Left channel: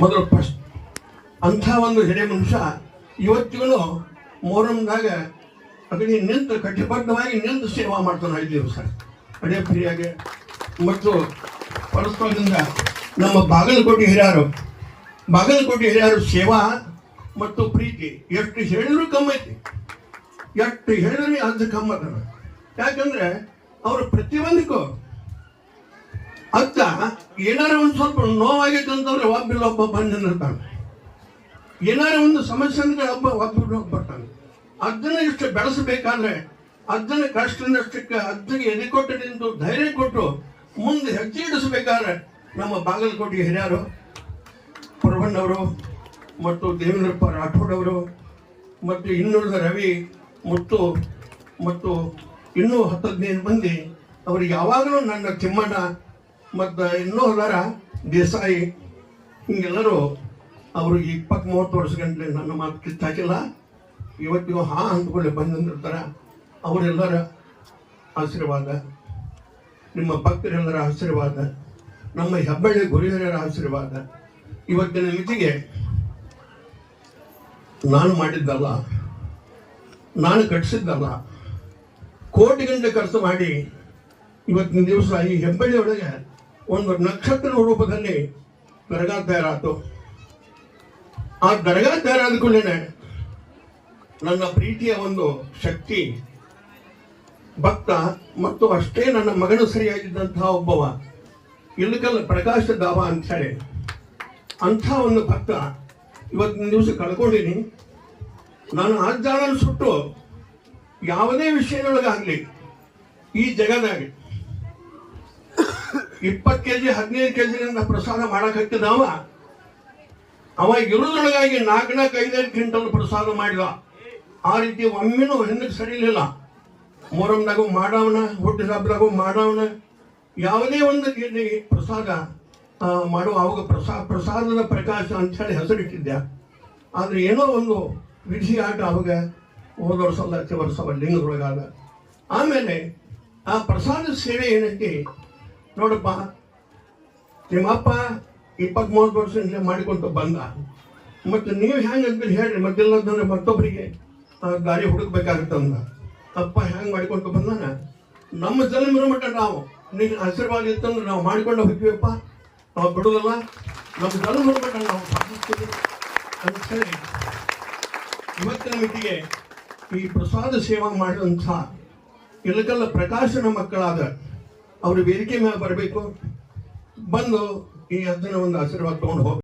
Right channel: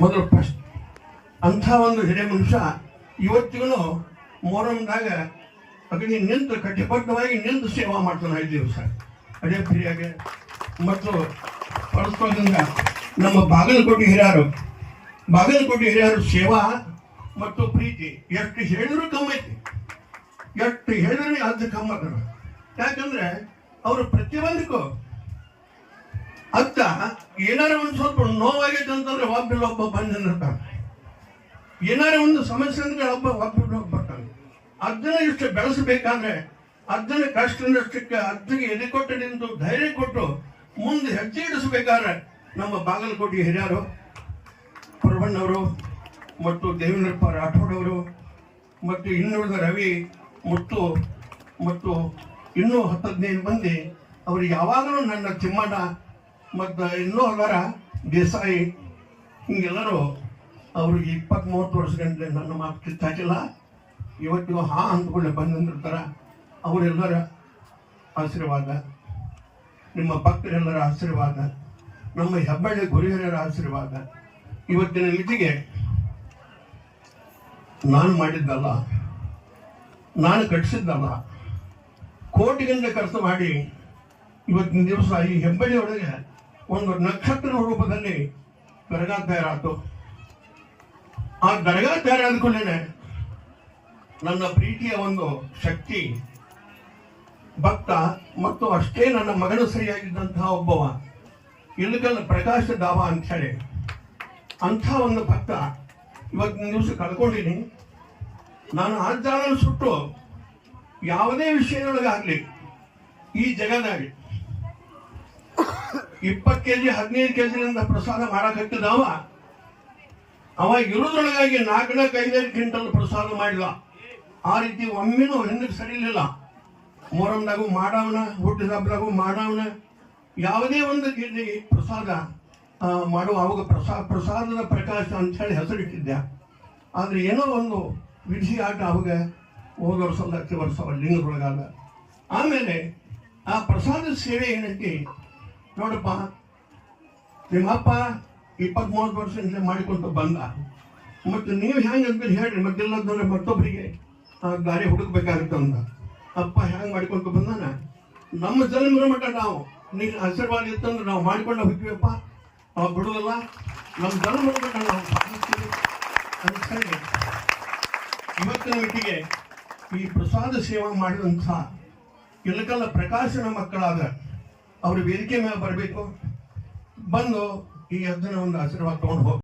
ಮೊದಲು ಫಸ್ಟ್ ಅಂಥ ಒಂದು ಹಿರಿಯ ಮನುಷ್ಯ ಇವತ್ತಿಗೂ ಮೊಹರಂದಾಗ ಅದಕ್ಕೆ ನಿಂತು ಕಟ್ಟಿಬದ್ಧವಾಗಿ ನಿಂತು ಸೇವಾ ಮಾಡ್ತಾನೆ 5 ದಿವಸ ಅದೇ ಫ್ರೀಯಾಗಿ. ಮತ್ತು ಪರಸ್ಪರದಿಂದ ನಮ್ಮ ಬಾಗಲಕೋಟೆ ಹಿರಿಯರು ಸೇವಾ ಮತ್ತು ಪ್ರೀತಿ ಎಷ್ಟು ಹೇಳಿದ್ರು ಕಮ್ಮಿ ಐತಿ, ಎಷ್ಟು ಹೇಳಿದ್ರೆ ಅದು ಕಮ್ಮಿ ಆಗ್ತದೆ. ಯಾಕಂದ್ರೆ ಅವರು ಪ್ರತಿಯೊಂದಕ್ಕೂ ಅತ್ತ ಏನಾರ ಒಂದು ಸ್ವಲ್ಪ ನೋವಾಗೈತೆ ಅಂತಂದ್ರೆ ಒಬ್ಬ ಬಂದಿರ್ತಾನೆ, ಏನಾರ ಒಂದು ಸಮಸ್ಯೆ ಅಂದ್ರೆ ಒಬ್ಬ ಬರ್ತಾನೆ. ಅದನ್ನ ಇಷ್ಟು ಬೆಳೆಸಬೇಕಾದ್ರೆ ಅದನ್ನ ಕಷ್ಟದಷ್ಟಕ್ಕೆ ಅದ್ದಿಗೆ ಎದೆ ಕೊಟ್ಟು ನಿಂತು ಧೈರ್ಯ ಕೊಟ್ಟು ಮುಂದೆ ಹೆಜ್ಜೆ ಇಡಿಸಬೇಕಾದ್ರೆ ನಮ್ಮ ಬಾಗಲಕೋಟೆ ಹಿರಿಯರು ಪರವಣ್ಣವರು ಮತ್ತು ದೇವೇಂದ್ರಪ್ಪ ರಾಠೋಡ್ ಅವರು ಮತ್ತು ಇನ್ನುಳಿದ ರವಿ ಮತ್ತು ಇನ್ನೂ 10-15 ಮಂದಿ ಅವ್ರಿಗೆ ಯಾವಾಗಲೂ ನನ್ನ ತಿಮ್ಮಣ್ಣ ಮತ್ತು ಇನ್ನೂ ಅದರ ದೇಸಾಯಿ ಹಿಂಗೆಲ್ಲರೂ ಅವರು 20-30 ವರ್ಷ ಗಂಟೆ ನನ್ನ ಮಾತು ಕಿತ್ತಾಕಿಲ್ಲ. ಇವತ್ತಿಗೂ ಅಂದ್ಕೊಳ್ಳಿ ಬಂದಿರ್ತಾರೆ. ಅವರೆಲ್ಲರ ಆಶೀರ್ವಾದ, ನಿಮ್ಮ ಭಕ್ತರೆಲ್ಲರ ಆಶೀರ್ವಾದ, ನಮ್ಮ ಹೆಬ್ಬಳ್ಳಿ ಗುರುಹಿರಿಯರ ಆಶೀರ್ವಾದ ಇವತ್ತಿನ ಮಿತಿಗೆ ನಾನು ಮಾಡಿದ್ದಲ್ಲ, ನಾನು ಕಟ್ಟಿಸಿದ್ದಲ್ಲ, ಕೋಟಿ ಗಂಟೆ ಖರ್ಚು ಮಾಡಿ ಇವತ್ತಿನ ದಿವಸ ಈ ಹೆಬ್ಬಳ್ಳಿ ಒಳಗೆ ಒಂದು ನಕ್ಷತ್ರ ರೂಪದಲ್ಲಿ ದರ್ಗಾ ತಯಾರಾಯ್ತು. ಆ ದರ್ಗಾ ತಯಾರಾದ ಕೂಡಲೇ ನನ್ನ ಪ್ರೀತಿಯ ಒಂದು ಶಕ್ತಿ ಭಕ್ತ ಮತ್ತು ಅಷ್ಟೇ ನನ್ನ ಮಗನ ಸರಿಯಾಗಿದ್ದಂತಹ ಒಬ್ಬವ ಇಲ್ಲಕಲ್ಲ ಪ್ರಕಾಶ ದಾವ ಅಂತ ಹೇಳಿ ಅಂಥ ಒಂದು ಭಕ್ತ ಇವತ್ತಿನ ದಿವಸ ಕಳ್ಕೊಂಡಿನಿ. ನಾನು ಆಜ್ಞಾನ ಸುಟ್ಟು ಯಾವುದೇ ವಿಷಯದೊಳಗಾಗಲಿ ಈ ಜಗದಾಗ 20 kg 15 kg ಪ್ರಸಾದ ಮಾಡಕತ್ತಿದವ ಅವ ಇರುವುದೊಳಗಾಗಿ 4-5 ಕ್ವಿಂಟಲ್ ಪ್ರಸಾದ ಮಾಡಿದ. ಆ ರೀತಿ ಒಮ್ಮೆನೂ ಹಿಂದಕ್ಕೆ ಸರಿಲಿಲ್ಲ. ಮೊಹರಂದಾಗೂ ಮಾಡವನ, ಹುಟ್ಟಿದ ಹಬ್ಬದಾಗೂ ಮಾಡವನ, ಯಾವುದೇ ಒಂದು ಪ್ರಸಾದ ಮಾಡುವ ಅವಾಗ ಪ್ರಸಾದದ ಪ್ರಕಾಶ ಅಂತ ಹೇಳಿ ಹೆಸರಿಟ್ಟಿದ್ದೆ. ಆದರೆ ಏನೋ ಒಂದು ವಿಧಿ ಆಟ ಅವಾಗ ಹೋದ ವರ್ಷ ಲಿಂಗದೊಳಗಾದ. ಆಮೇಲೆ ಆ ಪ್ರಸಾದ ಸೇವೆ ಏನೈತಿ ನೋಡಪ್ಪ, ನಿಮ್ಮಪ್ಪ 20-30 ವರ್ಷ ಮಾಡಿಕೊಂತ ಬಂದ, ಮತ್ತು ನೀವು ಹೆಂಗಂತ ಹೇಳ್ರಿ, ಮತ್ತೆಲ್ಲ ಅಂತಂದ್ರೆ ಮತ್ತೊಬ್ಬರಿಗೆ ದಾರಿ ಹುಡುಕ್ಬೇಕಾಗುತ್ತಂದ. ಅಪ್ಪ ಹೆಂಗೆ ಮಾಡ್ಕೊಂತ ಬಂದಾನ, ನಮ್ಮ ಜನ್ಮರ ಮಟ್ಟ ನಾವು ನೀನು ಆಶೀರ್ವಾದ ಇತ್ತಂದ್ರೆ ನಾವು ಮಾಡಿಕೊಂಡು ಹೋಗ್ತೀವಪ್ಪ, ನಾವು ಬಿಡೋದಲ್ಲ, ನಮ್ಮ ಜನ್ಮ ಮಟ್ಟ ನಾವು ಸಾಧಿಸ್ತೀವಿ ಅಂತ ಹೇಳಿ ಇವತ್ತಿನ ಮಿತಿಗೆ ಈ ಪ್ರಸಾದ ಸೇವೆ ಮಾಡಿದಂಥ ಇಲಕಲ್ಲ ಪ್ರಕಾಶನ ಮಕ್ಕಳಾದ ಅವರು ವೇದಿಕೆ ಮೇಲೆ ಬರಬೇಕು, ಬಂದು ಈ ಅದನ್ನ ಒಂದು ಆಶೀರ್ವಾದ ತಗೊಂಡು ಹೋಗಿ